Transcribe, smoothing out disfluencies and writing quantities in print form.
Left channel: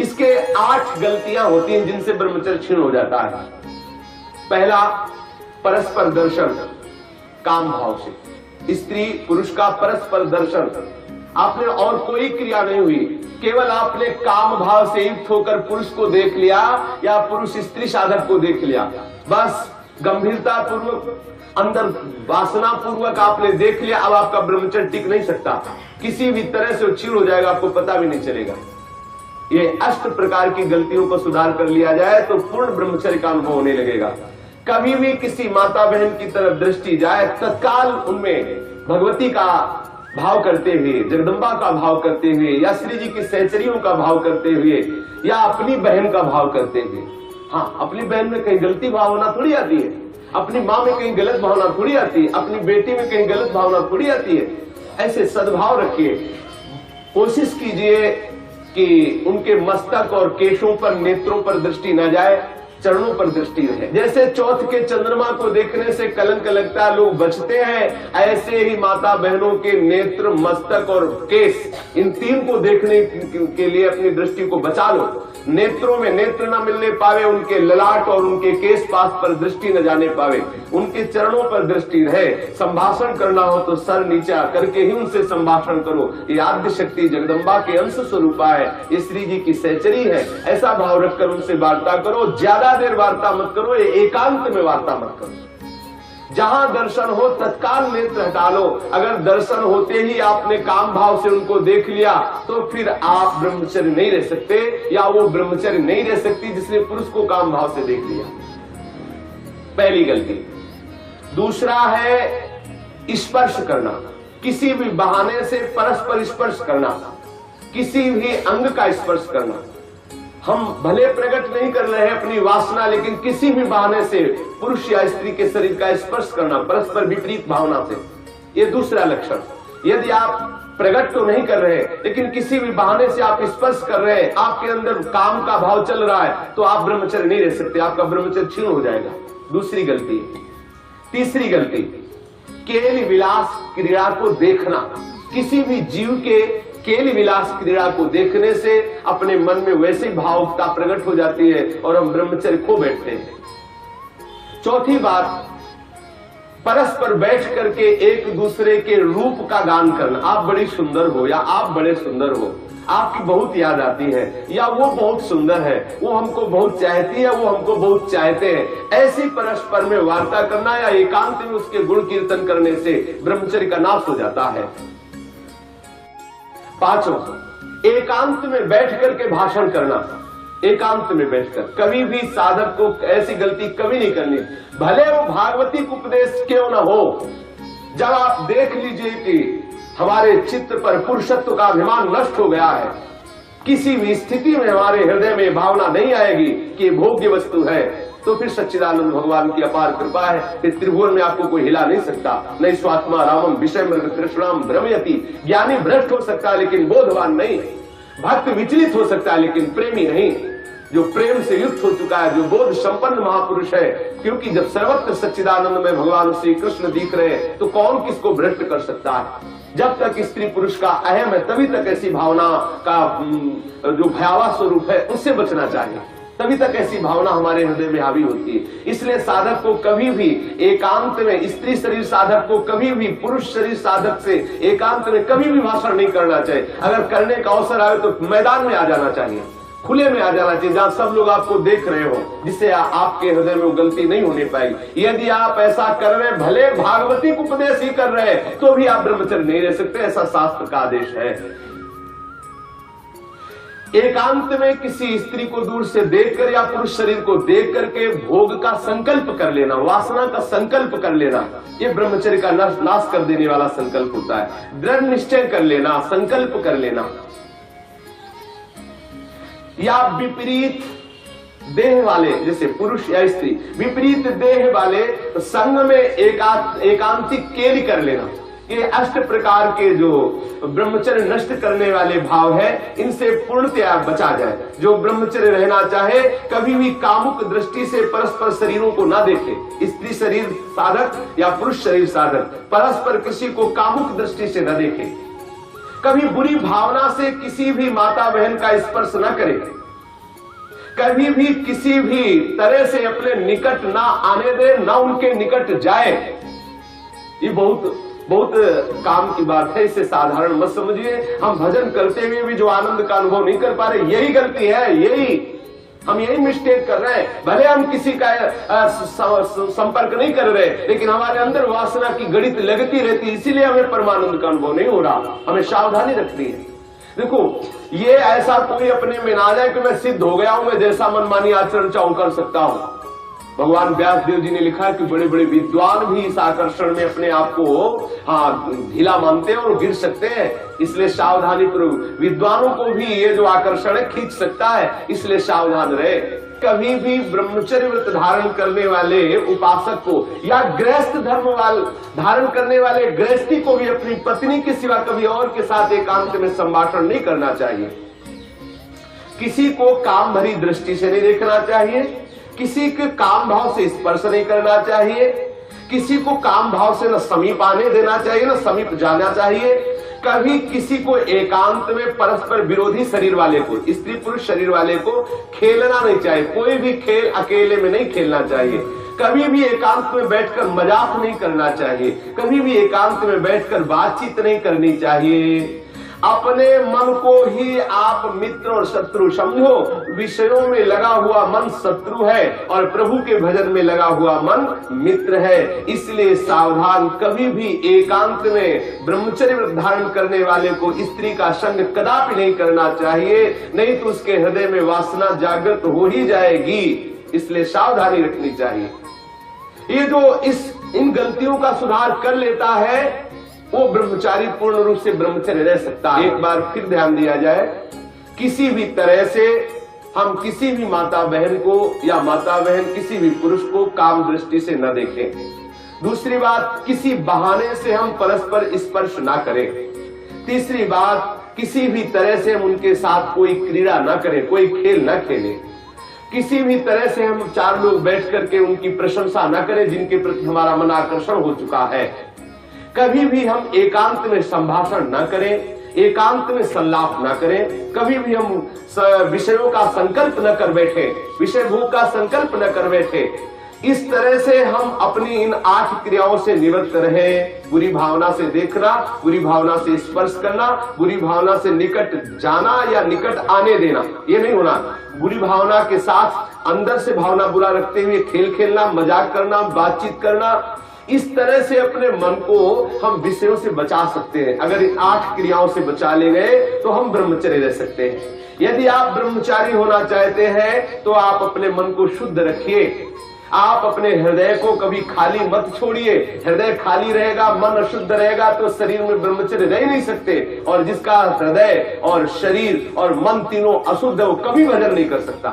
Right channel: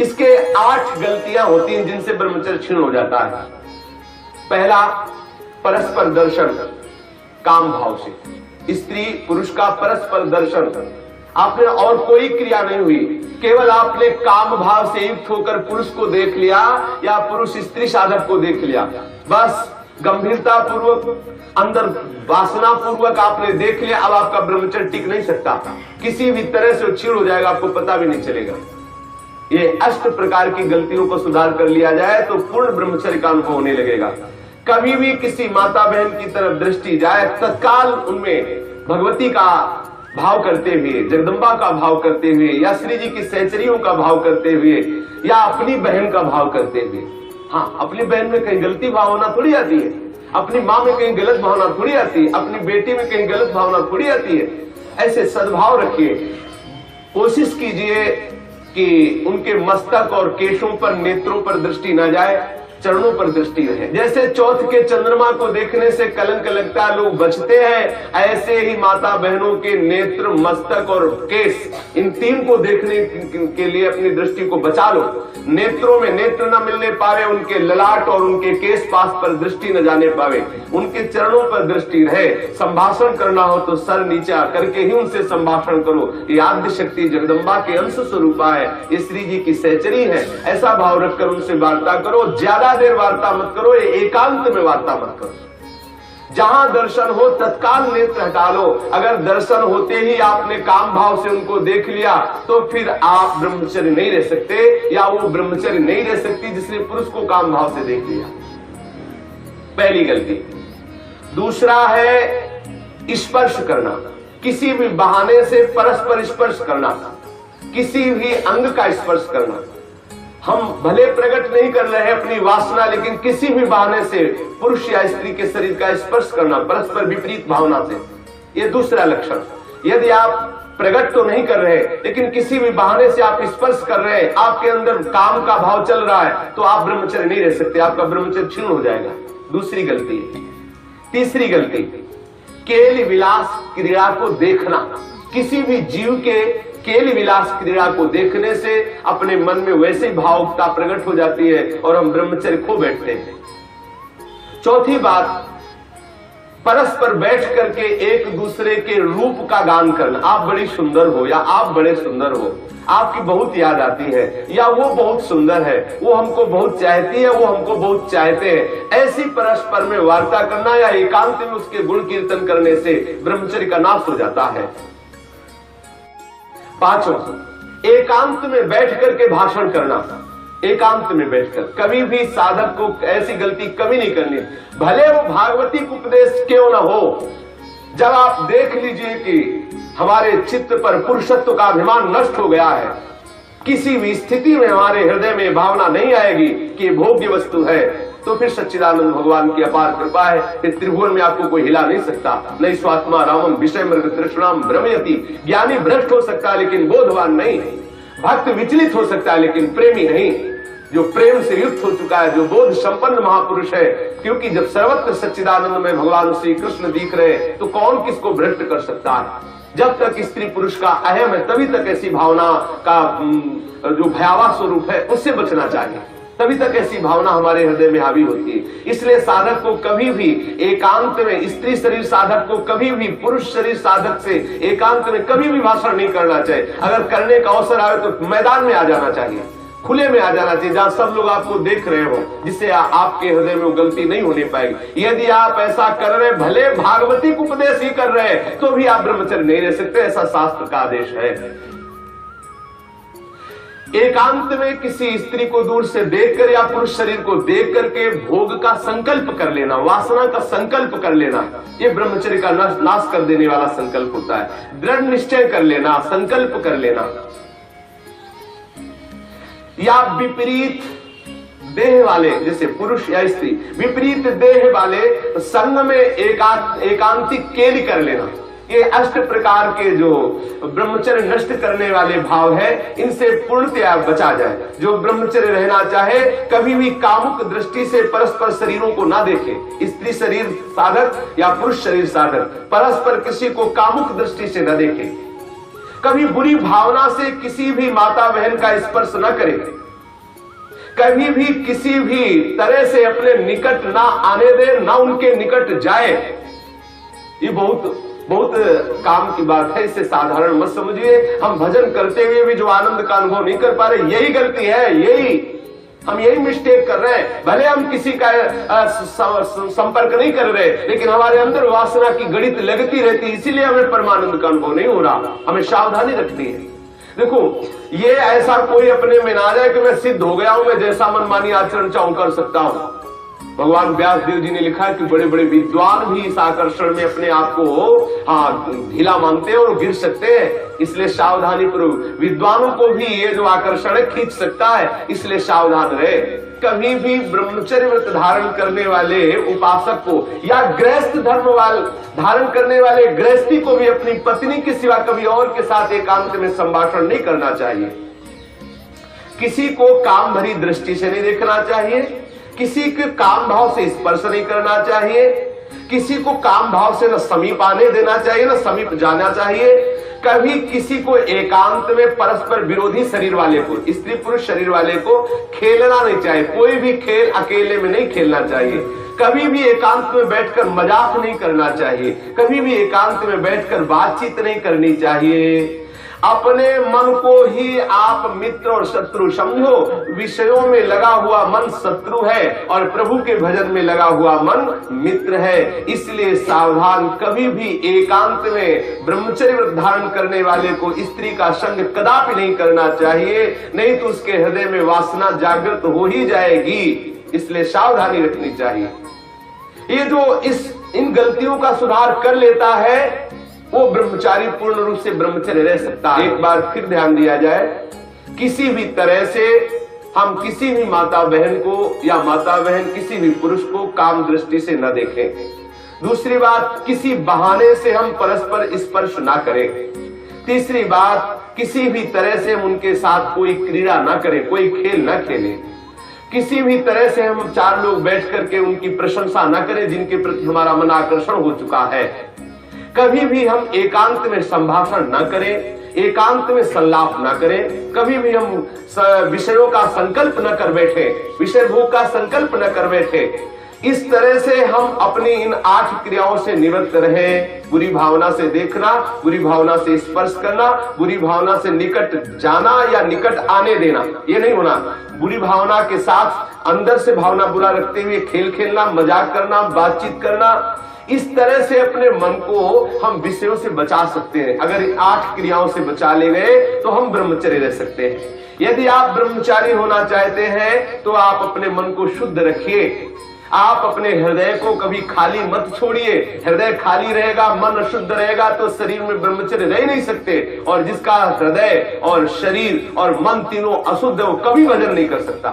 इसके 8 गलतियां होती हैं जिनसे ब्रह्मचर्य क्षीण हो जाता है। पहला, परस्पर दर्शन काम भाव से। स्त्री पुरुष का परस्पर दर्शन, आपने और कोई क्रिया नहीं हुई, केवल आपने काम भाव से युक्त होकर पुरुष को देख लिया या पुरुष स्त्री साधक को देख लिया, बस गंभीरता पूर्वक अंदर वासना पूर्वक आपने देख लिया। अब आपका ब्रह्मचर्य टिक नहीं सकता, किसी भी तरह से क्षीण हो जाएगा, आपको पता भी नहीं चलेगा। ये 8 प्रकार की गलतियों को सुधार कर लिया जाए तो पूर्ण ब्रह्मचर्य का अनुभव होने लगेगा। कभी भी किसी माता बहन की तरफ दृष्टि जाए, तत्काल उनमें भगवती का भाव करते हुए, जगदम्बा का भाव करते हुए, या श्री जी की सहचरियों का भाव करते हुए, या अपनी बहन का भाव करते हुए। हाँ, अपनी बहन में कहीं गलती भावना थोड़ी आती है, अपनी माँ में कहीं गलत भावना थोड़ी आती है, अपनी बेटी में कहीं गलत भावना थोड़ी आती है। ऐसे सद्भाव रखिए, कोशिश कीजिए कि उनके मस्तक और केशों पर, नेत्रों पर दृष्टि न जाए, चरणों पर दृष्टि रहे। जैसे चौथ के चंद्रमा को देखने से कलंक लगता है, लोग बचते हैं, ऐसे ही माता बहनों के नेत्र, मस्तक और केश, इन 3 को देखने के लिए अपनी दृष्टि को बचा लो। नेत्रों में नेत्र न मिलने पावे, उनके ललाट और उनके केश पास पर दृष्टि न जाने पावे, उनके चरणों पर दृष्टि रहे। संभाषण करना हो तो सर नीचा करके ही उनसे संभाषण करो। ये आद्य शक्ति जगदम्बा के अंश स्वरूपा है, ये श्री जी की सहचरी है, ऐसा भाव रखकर उनसे वार्ता करो। ज्यादा देर वार्ता मत करो, एकांत में वार्ता मत करो। जहां दर्शन हो तत्काल नेत्र हटा लो। अगर दर्शन होते ही आपने काम भाव से उनको देख लिया तो फिर आप ब्रह्मचर्य नहीं रह सकते, या वो ब्रह्मचर्य नहीं रह सकती जिसने पुरुष को काम भाव से देख लिया। पहली गलती। दूसरा है स्पर्श करना, किसी भी बहाने से परस्पर स्पर्श करना, किसी भी अंग का स्पर्श करना। हम भले प्रकट नहीं कर रहे हैं अपनी वासना, लेकिन किसी भी बहाने से पुरुष या स्त्री के शरीर का स्पर्श करना परस्पर विपरीत भावना से, ये दूसरा लक्षण। यदि आप प्रकट तो नहीं कर रहे लेकिन किसी भी बहाने से आप स्पर्श कर रहे हैं, आपके अंदर काम का भाव चल रहा है, तो आप ब्रह्मचर्य नहीं रह सकते, आपका ब्रह्मचर्य क्षीण हो जाएगा। दूसरी गलती। तीसरी गलती, केल विलास क्रीड़ा को देखना। किसी भी जीव के केल विलास क्रीड़ा को देखने से अपने मन में वैसी भावुकता प्रकट हो जाती है और हम ब्रह्मचर्य खो बैठते हैं। चौथी बात, परस्पर बैठ करके एक दूसरे के रूप का गान करना। आप बड़ी सुंदर हो, या आप बड़े सुंदर हो, आपकी बहुत याद आती है, या वो बहुत सुंदर है, वो हमको बहुत चाहती है, वो हमको बहुत चाहते हैं। ऐसी परस्पर में वार्ता करना या एकांत में उसके गुण कीर्तन करने से ब्रह्मचर्य का नाश हो जाता है। पांचवा, एकांत में बैठ करके भाषण करना। एकांत में बैठकर कभी भी साधक को ऐसी गलती कभी नहीं करनी, भले वो भागवती उपदेश क्यों न हो। जब आप देख लीजिए कि हमारे चित्त पर पुरुषत्व का अभिमान नष्ट हो गया है, किसी भी स्थिति में हमारे हृदय में भावना नहीं आएगी कि भोग्य वस्तु है, तो फिर सच्चिदानंद भगवान की अपार कृपा है, फिर त्रिभुवन में आपको कोई हिला नहीं सकता। नहीं स्वात्मा रामम विषय मृग तृष्णाम भ्रमयति। ज्ञानी भ्रष्ट हो सकता है लेकिन बोधवान नहीं, भक्त विचलित हो सकता है लेकिन प्रेमी नहीं। जो प्रेम से युक्त हो चुका है, जो बोध संपन्न महापुरुष है, क्योंकि जब सर्वत्र सच्चिदानंद में भगवान श्री कृष्ण दिख रहे हैं तो कौन किसको भ्रष्ट कर सकता है। जब तक स्त्री पुरुष का अहम है तभी तक ऐसी भावना का जो भयावह स्वरूप है उससे बचना चाहिए, तभी तक ऐसी भावना हमारे हृदय में हावी होती है। इसलिए साधक को कभी भी एकांत में, स्त्री शरीर साधक को कभी भी पुरुष शरीर साधक से एकांत में कभी भी भाषण नहीं करना चाहिए। अगर करने का अवसर आए तो मैदान में आ जाना चाहिए, खुले में आ जाना चाहिए, जहां सब लोग आपको देख रहे हो, जिससे आपके हृदय में गलती नहीं होने पाएगी। यदि आप ऐसा कर रहे, भले भागवती उपदेश ही कर रहे हैं, तो भी आप ब्रह्मचर्य नहीं रह सकते, ऐसा शास्त्र का आदेश है। एकांत में किसी स्त्री को दूर से देखकर या पुरुष शरीर को देख करके भोग का संकल्प कर लेना, वासना का संकल्प कर लेना, ये ब्रह्मचर्य का नाश कर देने वाला संकल्प होता है। दृढ़ निश्चय कर लेना, संकल्प कर लेना। या विपरीत देह वाले, जैसे पुरुष या स्त्री, विपरीत देह वाले संग में एकांतिक केली कर लेना। ये 8 प्रकार के जो ब्रह्मचर्य नष्ट करने वाले भाव है, इनसे पूर्णतया बचा जाए। जो ब्रह्मचर्य रहना चाहे कभी भी कामुक दृष्टि से परस्पर शरीरों को ना देखे। स्त्री शरीर साधक या पुरुष शरीर साधक परस्पर किसी को कामुक दृष्टि से न देखे। कभी बुरी भावना से किसी भी माता बहन का स्पर्श न करे। कभी भी किसी भी तरह से अपने निकट ना आने दे, ना उनके निकट जाए। ये बहुत बहुत काम की बात है, इसे साधारण मत समझिए। हम भजन करते हुए भी जो आनंद का अनुभव नहीं कर पा रहे, यही गलती है, हम यही मिस्टेक कर रहे हैं। भले हम किसी का संपर्क नहीं कर रहे, लेकिन हमारे अंदर वासना की गणित लगती रहती है, इसीलिए हमें परमानंद का अनुभव नहीं हो रहा। हमें सावधानी रखती है। देखो, ये ऐसा कोई अपने में ना जाए कि मैं सिद्ध हो गया हूं, मैं जैसा मनमानी आचरण चाहूं कर सकता हूं। भगवान व्यास देव जी ने लिखा है कि बड़े बड़े विद्वान भी इस आकर्षण में अपने आप को ढीला मानते हैं और गिर सकते हैं। इसलिए सावधानी पूर्वक, विद्वानों को भी ये जो आकर्षण है खींच सकता है, इसलिए सावधान रहे। कभी भी ब्रह्मचर्य व्रत धारण करने वाले उपासक को या गृहस्थ धर्म धारण करने वाले गृहस्थी को भी अपनी पत्नी के सिवा कभी और के साथ एकांत में संभाषण नहीं करना चाहिए। किसी को काम भरी दृष्टि से नहीं देखना चाहिए, किसी के काम भाव से स्पर्श नहीं करना चाहिए, किसी को काम भाव से न समीप आने देना चाहिए न समीप जाना चाहिए। कभी किसी को एकांत में परस्पर विरोधी शरीर वाले को, स्त्री पुरुष शरीर वाले को खेलना नहीं चाहिए। कोई भी खेल अकेले में नहीं खेलना चाहिए। कभी भी एकांत में बैठकर मजाक नहीं करना चाहिए। कभी भी एकांत में बैठकर बातचीत नहीं करनी चाहिए। अपने मन को ही आप मित्र और शत्रु समझो। विषयों में लगा हुआ मन शत्रु है और प्रभु के भजन में लगा हुआ मन मित्र है। इसलिए सावधान, कभी भी एकांत में ब्रह्मचर्य व्रत धारण करने वाले को स्त्री का संग कदापि नहीं करना चाहिए, नहीं तो उसके हृदय में वासना जागृत हो ही जाएगी। इसलिए सावधानी रखनी चाहिए। ये जो इन गलतियों का सुधार कर लेता है, वो ब्रह्मचारी पूर्ण रूप से ब्रह्मचर्य रह सकता है। एक बार फिर ध्यान दिया जाए, किसी भी तरह से हम किसी भी माता बहन को या माता बहन किसी भी पुरुष को काम दृष्टि से न देखें। दूसरी बात, किसी बहाने से हम परस्पर स्पर्श ना करें। तीसरी बात, किसी भी तरह से हम उनके साथ कोई क्रीड़ा ना करें, कोई खेल ना खेलें। किसी भी तरह से हम चार लोग बैठ करके उनकी प्रशंसा ना करें जिनके प्रति हमारा मन आकर्षण हो चुका है। कभी भी हम एकांत में संभाषण न करें, एकांत में संलाप न करें। कभी भी हम विषयों का संकल्प न कर बैठे, विषय भोग का संकल्प न कर बैठे। इस तरह से हम अपनी इन 8 क्रियाओं से निवृत्त रहे। बुरी भावना से देखना, बुरी भावना से स्पर्श करना, बुरी भावना से निकट जाना या निकट आने देना, ये नहीं होना। बुरी भावना के साथ अंदर से भावना बुरा रखते हुए खेल खेलना, मजाक करना, बातचीत करना, इस तरह से अपने मन को हम विषयों से बचा सकते हैं। अगर इन 8 क्रियाओं से बचा ले गए तो हम ब्रह्मचर्य रह सकते हैं। यदि आप ब्रह्मचारी होना चाहते हैं तो आप अपने मन को शुद्ध रखिए। आप अपने हृदय को कभी खाली मत छोड़िए। हृदय खाली रहेगा, मन अशुद्ध रहेगा तो शरीर में ब्रह्मचर्य रह नहीं सकते। और जिसका हृदय और शरीर और मन तीनों अशुद्ध है, वो कभी भजन नहीं कर सकता।